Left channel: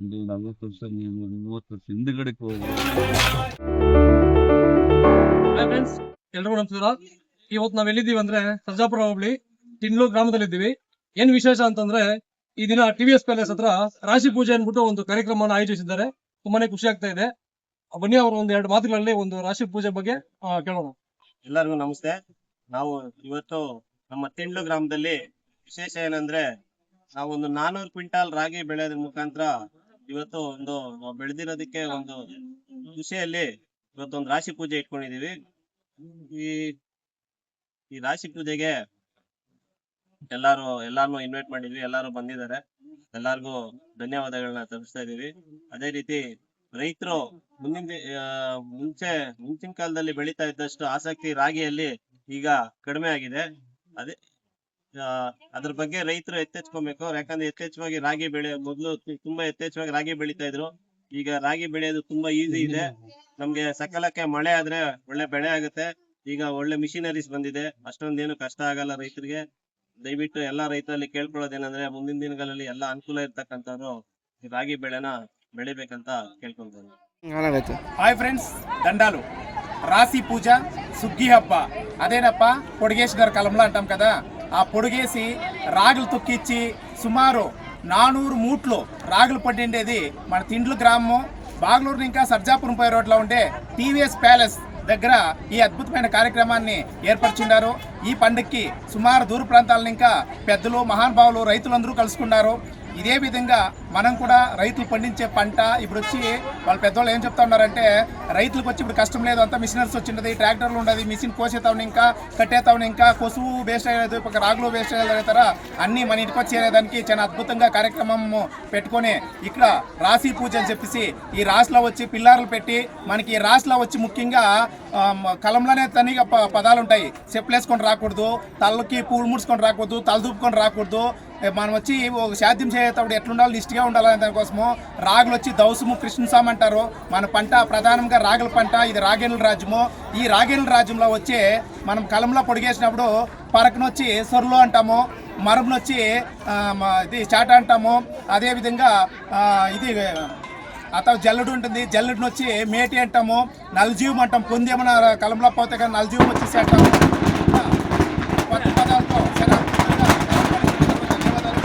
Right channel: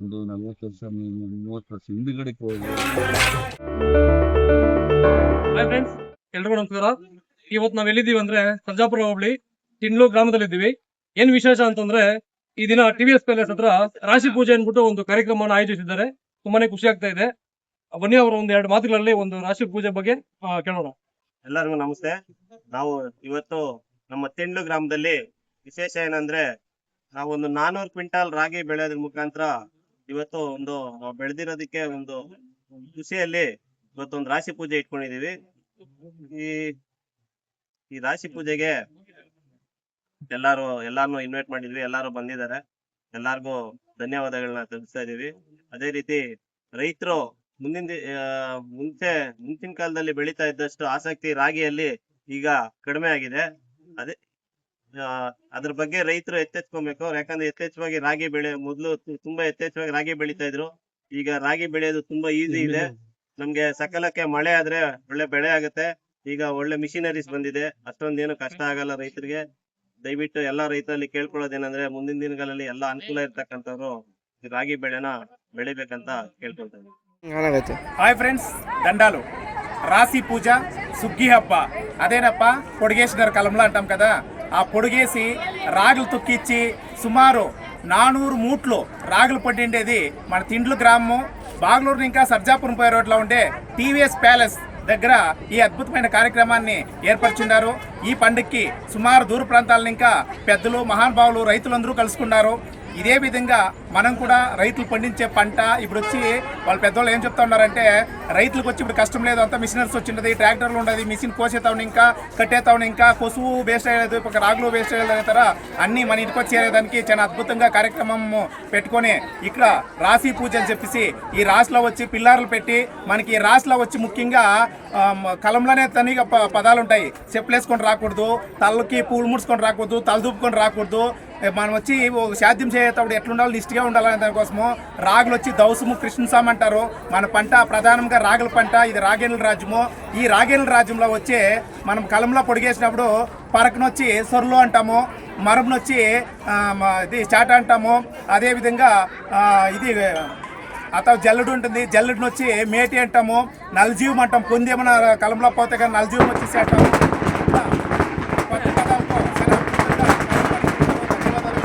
ಒಂದು 40 ವರ್ಷ 30 ವರ್ಷ ಹಿಂದುಗಡೆಗೆ ಹೋಗಿ. ಹಾಯ್ ಫ್ರೆಂಡ್ಸ್, ಎಲ್ರಿಗೂ ನಮಸ್ಕಾರ. ಇವತ್ತು ನಾವ್ ಎಲ್ಲಿದ್ದೀವಿ ಅಂದ್ರೆ ಸರ್ಜಾಪುರ ಹೋಬಳಿ ತಿಂಡ್ಲು ಗ್ರಾಮದಲ್ಲಿದ್ದೀವಿ. ಏನ್ ವಿಶೇಷ ಅಂತಂದ್ರೆ ಈ ದಿನ TVS ಪ್ಯಾಲೇಸ್ ಹತ್ರ ರಾಶಿ ಪೂಜೆ ಅನ್ಬಿಟ್ಟು ಒಂದು ಕಾರ್ಯಕ್ರಮವನ್ನು ಆಯೋಜಿಸಿದ್ದಾರೆ. ತುಂಬಾನೇ ಖುಷಿ ಆಗ್ತಾ ಇದೆ. ಬನ್ನಿ ಅವರು ಒಂದ್ 2 ಮಾತುಗಳಲ್ಲಿ ಒಂದು ರಾಶಿ ಪೂಜೆ ಬಗ್ಗೆ ಕೇಳೋಣ. ಎಲ್ಲರಿಗೂ ನಮಸ್ತೆ. ನಾವು ಇವತ್ತು ನಮ್ಮ ತಿಂಡ್ಲು ಗ್ರಾಮದಲ್ಲಿ ವಿಶೇಷ ಏನಂದ್ರೆ ನಾವು ಒಂದು 400 ಕ್ವಿಂಟಾಲ್ ರಾಗಿ ಬೆಳೆಯೋದ್ರ ಮುಖಾಂತರ ಇವತ್ತು ಒಂದು ಬೆಳೆದಿರೋದಕ್ಕೆ ಒಂದು ಖುಷಿಯಲ್ಲಿ ಇವತ್ತೊಂದು ರಾಶಿ ಪೂಜೆ ಇಟ್ಕೊಂಡಿದೀವಿ. ಈ ರಾಶಿ ಪೂಜೆಗೆ ಎಲ್ಲಾರನ್ನು ಇನ್ವೈಟ್ ಮಾಡಿದ್ವಿ. ಎಲ್ಲಾರು ಬಂದಿದ್ದಾರೆ. ಎಲ್ಲಾರ್ಗೂ ಧನ್ಯವಾದಗಳನ್ನ ತಿಳಿಸ್ತಾ ಇದೀವಿ. ಅದೇ ರೀತಿ ರೈತರು ಮುಂಚಿನ ಕಾಲದಲ್ಲಿ ಬೆಳೀತಾ ಇದ್ದಷ್ಟು ಆಸಕ್ತಿ ರಾಗಿಯಲ್ಲಿ ಈಗ ಕಡಿಮೆ ಆಗಿದೆ. ಅದ್ರ ಬಗ್ಗೆ ರೈತರು ಎಚ್ಚೆತ್ಕೊಬೇಕು. ಯಾಕಂದ್ರೆ ಯಥೇಚ್ಛವಾಗಿ ರಾಗಿ ಮೊದಲು ತುಂಬಾ ಯಥೇಚ್ಛವಾಗಿ ರಾಗಿ ಬೆಳೀತಾ ಇದ್ರು. ಈಗ ರಾಗಿ ಬೆಳೆಯೋದು ತುಂಬಾ ಈಸಿ ಇದೆ. ನಮ್ಗೆ ಸಕಾಲಕ್ಕೆ ಮಳೆ ಆದ್ರೆ ಒಳ್ಳೆ ಬೆಳೆ ಆಗುತ್ತೆ. ಈಗ ಒಳ್ಳೆ ಮಿಷಿನರೀಸ್ ಬಂದಿದೆ. ಅಷ್ಟೊಂದೇನು ಕಷ್ಟ ಆಗಲ್ಲ ರೈತರಿಗೆ. ದಯವಿಟ್ಟು ಎಲ್ಲಾ ರೈತರಲ್ಲಿ ಕೇಳ್ಕೊಳ್ಳೋದೇನಂದ್ರೆ ಮುಂದಿನ ದಿನಗಳಲ್ಲಿ ಎಲ್ಲಾ ಅನುಕೂಲ ಇರ್ತಕ್ಕಂಥವ್ರು ರಾಗಿ ಬೆಳೆನ ಬೆಳಿಬೇಕಂತ ಕೇಳ್ಕೊಳ್ತೇನೆ. హాయ్ ఫ్రెండ్స్, దండాలు. రాశి పూజ, సుగ్గి హబ్బ అదేనప్ప పొడిగేసినారు కలంలో అంటాం కదా. ఆ పొడిగేసి రాగులు తొక్కిచ్చి సుమారు 400 మూట్లు రాగులు పడిండేది మన తిండ్లు గ్రామం బాగ్లూరు ఇంకా సర్జాపురం పోయే రోడ్లో ఉండే TVS ప్యాలెస్ దగ్గర ఈ అద్భుతమైన కార్యక్రమాన్ని ఏర్పరిచున్నారు. ఈ పండుగకి సుమారు దూర ప్రాంతాల ఇంకా పెద్దలు, మహానుభావులు, రైతులందరూ కలుసుకున్నారు. ఇదే విధంగా మనం కూడా రైతులు పండించే పంట ఇప్పుడు వచ్చి వాళ్ళ పెద్దవాళ్ళు ఏం చెప్తా ఉన్నారంటే రైతులకు వచ్చి ఇప్పుడు కష్టం లేదు, అంతా మిషనరీస్ వచ్చింది, ట్రాక్టర్లు ఉండదు, మిషన్ కోసేతావు ఇంకా కట్టేతావు ఇంకా కొసువు వేస్ట్ అయ్యేది, ఒక రాగులు వేస్ట్ అయ్యేది తర అన్నీ మన ఇంటికి వచ్చేదానికి చాలా అద్భుతంగా కార్యక్రమం పెట్టుకొని ఇక్కడ రాశి పూజ అని చెప్పేసి ఈ రాశిలో వచ్చి పిల్లర్లు పెట్టి మనకి ఈ రాశిలో వచ్చి ముఖ్యంగా కలంలోనే తనిగా పదాలు ఉంటాయి. చెప్పులు వేసుకొని రాకూడదు, తలకి పూలు ముడుచుకొని రాకూడదు, తల దూపుకొని రాకూడదు. మనం వచ్చి శాద్యం చేసేటప్పుడు ఎట్లుండాలి, నిష్ఠగా ఉండాలనే దానికోసము రాగులు వచ్చి దౌసము కృష్ణస్వామి అంటారు. మన పంట ప్రధానంగా రాగుల పంట. ఇది రాగేనుల రాజ్యము. ఈ రాగేనుల రాజ్యంలో వచ్చి మనం కలంలో పొడిగేసినప్పుడు పరకనొచ్చి సొర్లు అంటాము, మరమునొచ్చి ఇది చాట అంటాము. అదేవిధంగా ఇది అతను జల్లుడు ఉంటుంది, జల్లుడిని వచ్చి మేటి అంటాము, నలజీవం అంటాం. పొందేమన్న కలంలో పోతే కానీ నలజీవం వచ్చేసి అంటాము. కొత్త పదాలతో చాలా అద్భుతంగా ధన్యవాదాలు.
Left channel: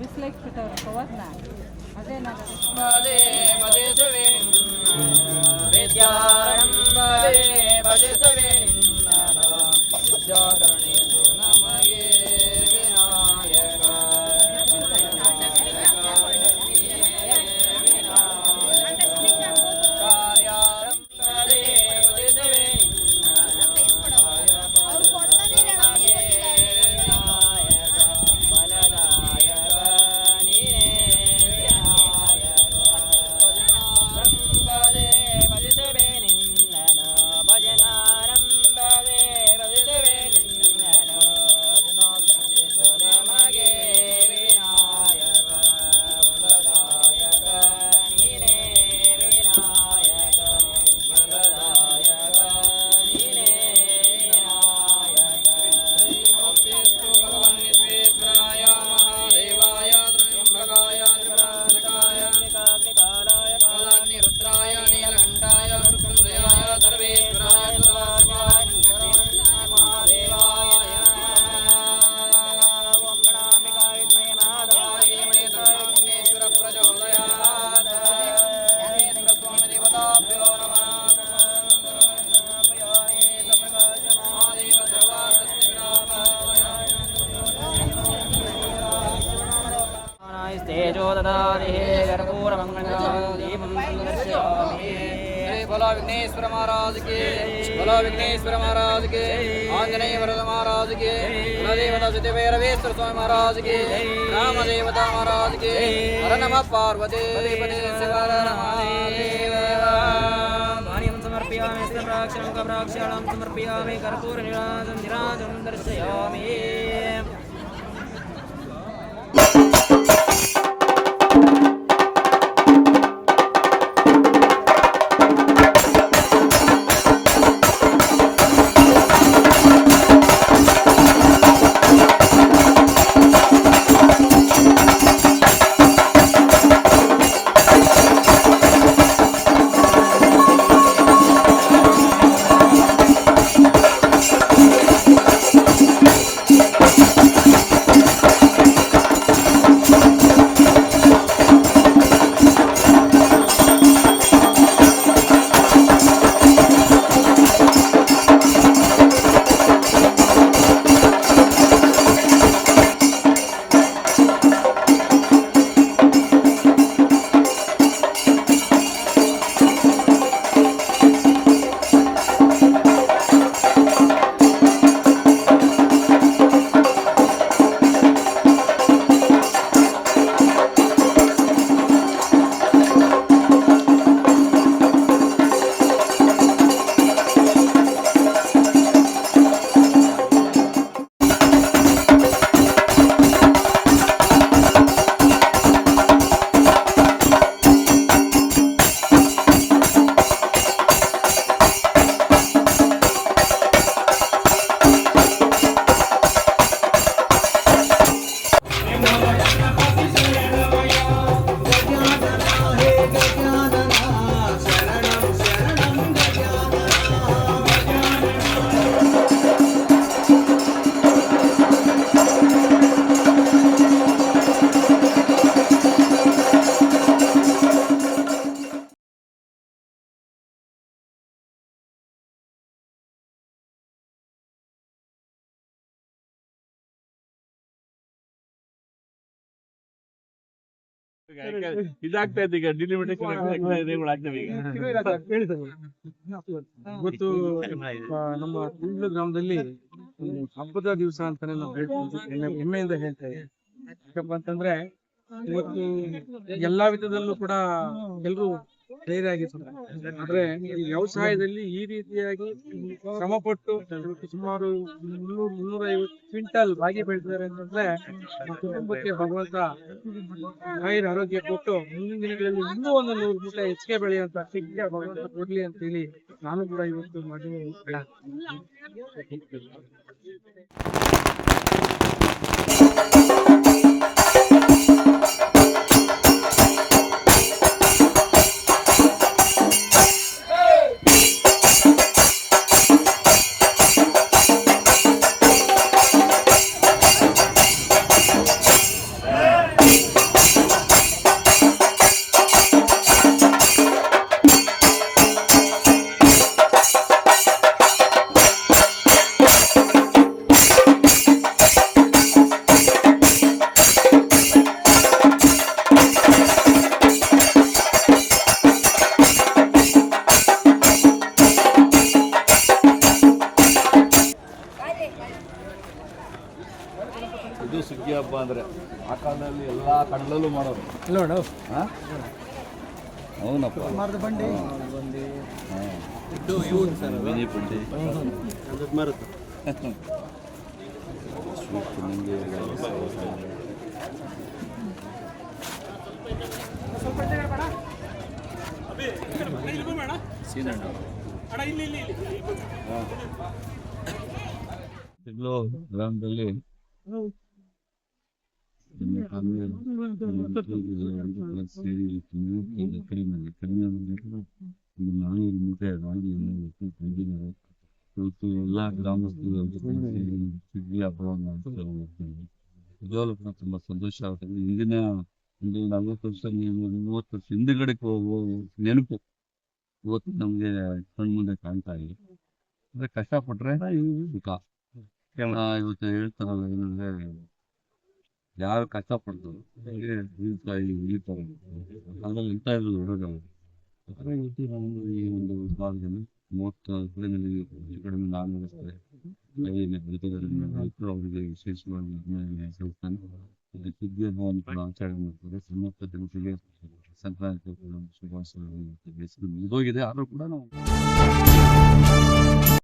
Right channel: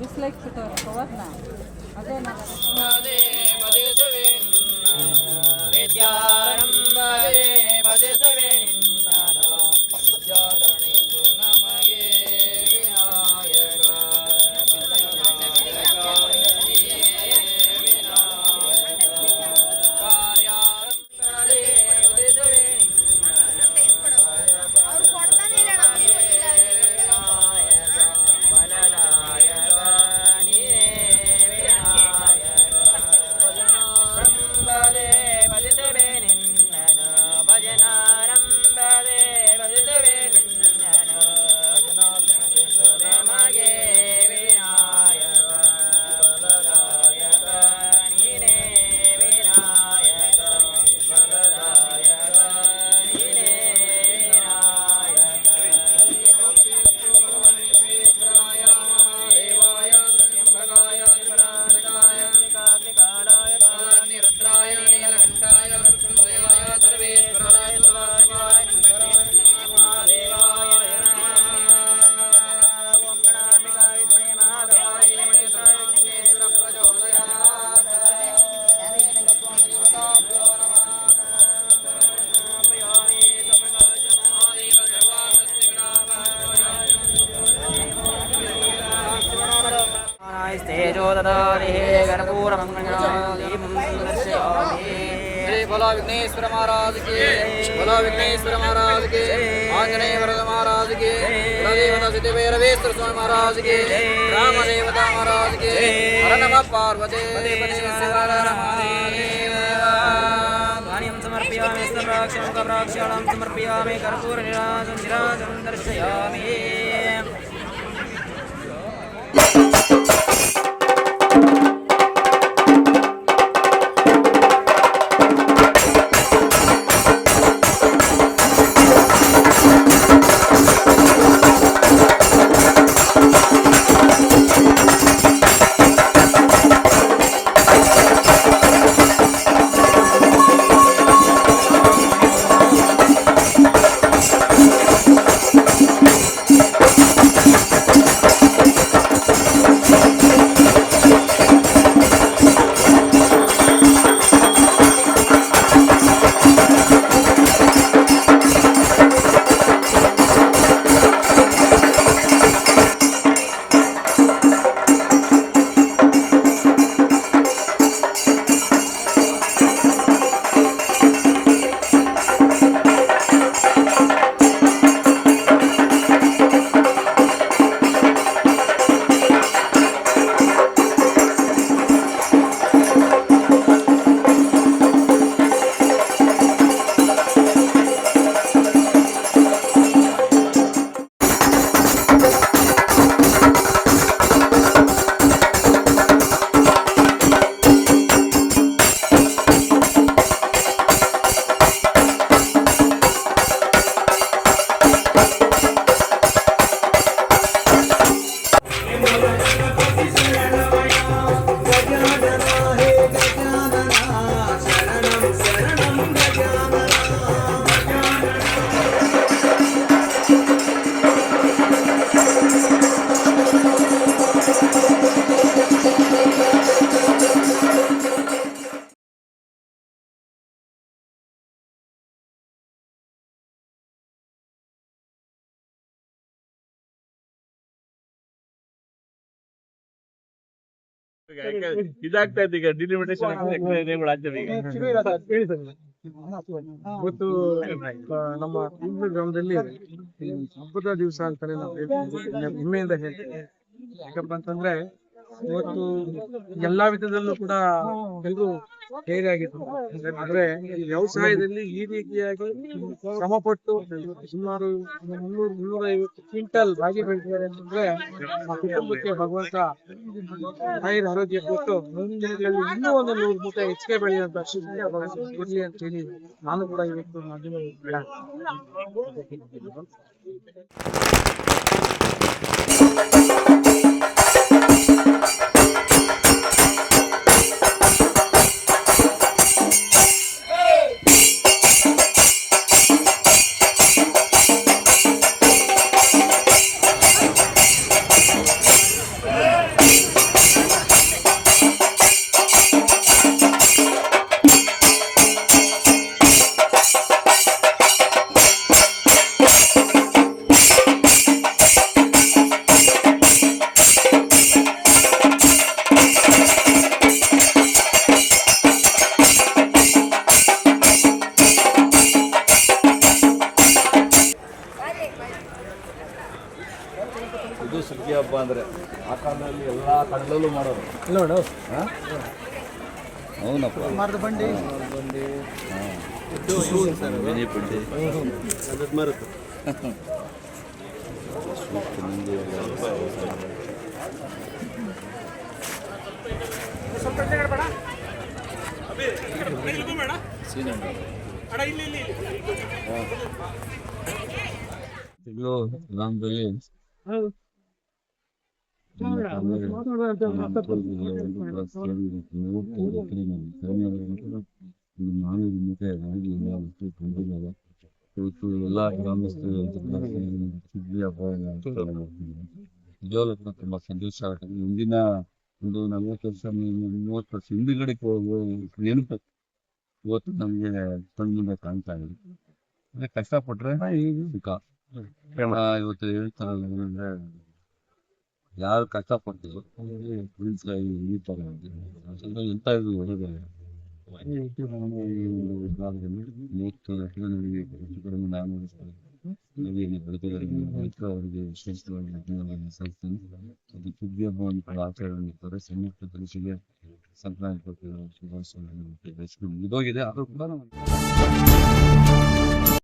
ಬಿಸ್ಲೈಕ್ ಕವರ್ನ ಅದೇ ನಮಗೆ ವಿನಾಯಕ ಅವ್ರು ಕೊಡ್ತಾನೆ बोला विघ्नेश्वर महाराज के, बोला विघ्नेश्वर महाराज के, आंजनेय वरद महाराज के, कुलदेवता सिद्धभैरवेश्वर स्वामी महाराज के, राम देवता महाराज के, हर नमः पार्वती समर्पयामि प्राक्षणं समर्पयामि कर्पूरनिराजनं दर्शयामि ಇದಾಗ್ತಾ ಇದೆ ಈಗ ಡಿಲಿಮಿಟೇಷನ್ ಇವತ್ತು ನಮ್ಮ ತಿಂಗ್ಳು ಗ್ರಾಮದಲ್ಲಿ ಹಬ್ಬದ ದಿವಸ ಅಂತಾನೆ ನಾವು ಹೆಮ್ಮೆಯಿಂದ ಹೇಳ್ತೇವೆ. ಯಾಕಪ್ಪ ಅಂತಂದ್ರೆ ಇವತ್ತು ಎಲ್ಲಾ ವಿಧದಲ್ಲೂ ಕೂಡ ಎಲ್ಲರೂ ಧೈರ್ಯರಾಗಿದ್ದಾರೆ. ಆದ್ರೆ ಈ ವ್ಯವಸಾಯದಲ್ಲಿ ಈ ರೀತಿಯಾಗಿ ಶ್ರಮಪಟ್ಟು ಇವತ್ತು ಸುಮಾರು 300-350 ಕ್ವಿಂಟಲ್ ರಾಗಿ ಬೆಳೆದಿದ್ದಾರೆ ಅಂತಂದ್ರೆ ಆ ಕುಟುಂಬಕ್ಕೆ ಭಗವಂತ ಆರೋಗ್ಯ ಕೊಟ್ಟು ಮುಂದಿನ ದಿನಗಳಲ್ಲಿ ಇನ್ನೂ ಒಂದು 100 ಮೂಟೆ ಹೆಚ್ಚಿಗೆ ಬೆಳೆಯುವಂತ ಶಕ್ತಿ ಭಗವಂತ ಕೊಡ್ಲಿ ಅಂತ ಹೇಳಿ ನಾನು ಕೂಡ ಇವತ್ತು ಮಾಧ್ಯಮ ಇದು ಸುಗ್ಗಿ ಹಬ್ಬ ಅಂದ್ರೆ ಆ ಕಾಲದಲ್ಲಿ ಎಲ್ಲಾ ಕಡಲಲ್ಲೂ ಮಾಡೋರು. ಅವನಪ್ಪ ಬಂಡಿ ಗ್ರಾಮದಲ್ಲಿ ಇವತ್ತು ಎಲ್ಲಾ ಗ್ರಾಮಸ್ಥರು ಸುಗ್ಗಿ ಹಬ್ಬವನ್ನು ನಿಜವಾಗ್ಲೂ ತುಂಬಾ ಸಂತೋಷ ಆಗುತ್ತೆ. ಹಿಂದಿನ ಒಂದು 40 ವರ್ಷ 30 ವರ್ಷ ಹಿಂದುಗಡೆ ನೆನಪು ಇವತ್ತು ನಮ್ಗೆ ಕಣ್ಮುಂದೆ ಕಾಣ್ತಾ ಇದೆ. ಅಂದ್ರೆ ಕಷ್ಟಪಟ್ರೆ ಸುಖ. ಇವತ್ತು ಹೇಳ್ತಾರಲ್ಲ ಏನಂದ್ರೆ ಯಾರು ಕಷ್ಟಪಡ್ತಾರೋ ಅವ್ರಿಗೆ ಉಳಿತಾರೆ ಅಂತ ಎಂತ ಇರೋದು ಹೊರಗಲ್ಲ. ನಾನು ಈ ಒಂದು ಭಾಗದಲ್ಲಿ 30 ವರ್ಷದಲ್ಲಿ ಹೆಚ್ಚು ಕಡಿಮೆ 400 ರೈತರು ಅವರಿಗೆ ವಿಶೇಷವಾಗಿ ಸಲ್ಲಿಸ್ತಾನೆ. ಅದು ಸುಗ್ಗಿ ಹಬ್ಬವನ್ನು ಕೂಡ ಆಚರಣೆ ಮಾಡ್ತಾರೆ. ಸಮಸ್ತ ಜನತೆಗೆ ಸಂಕ್ರಾಂತಿ ಶುಭಾಶಯಗಳು ಮುಗಿದೋಗಿದೆ ಆದ್ರೂ ಕೂಡ ನಾವು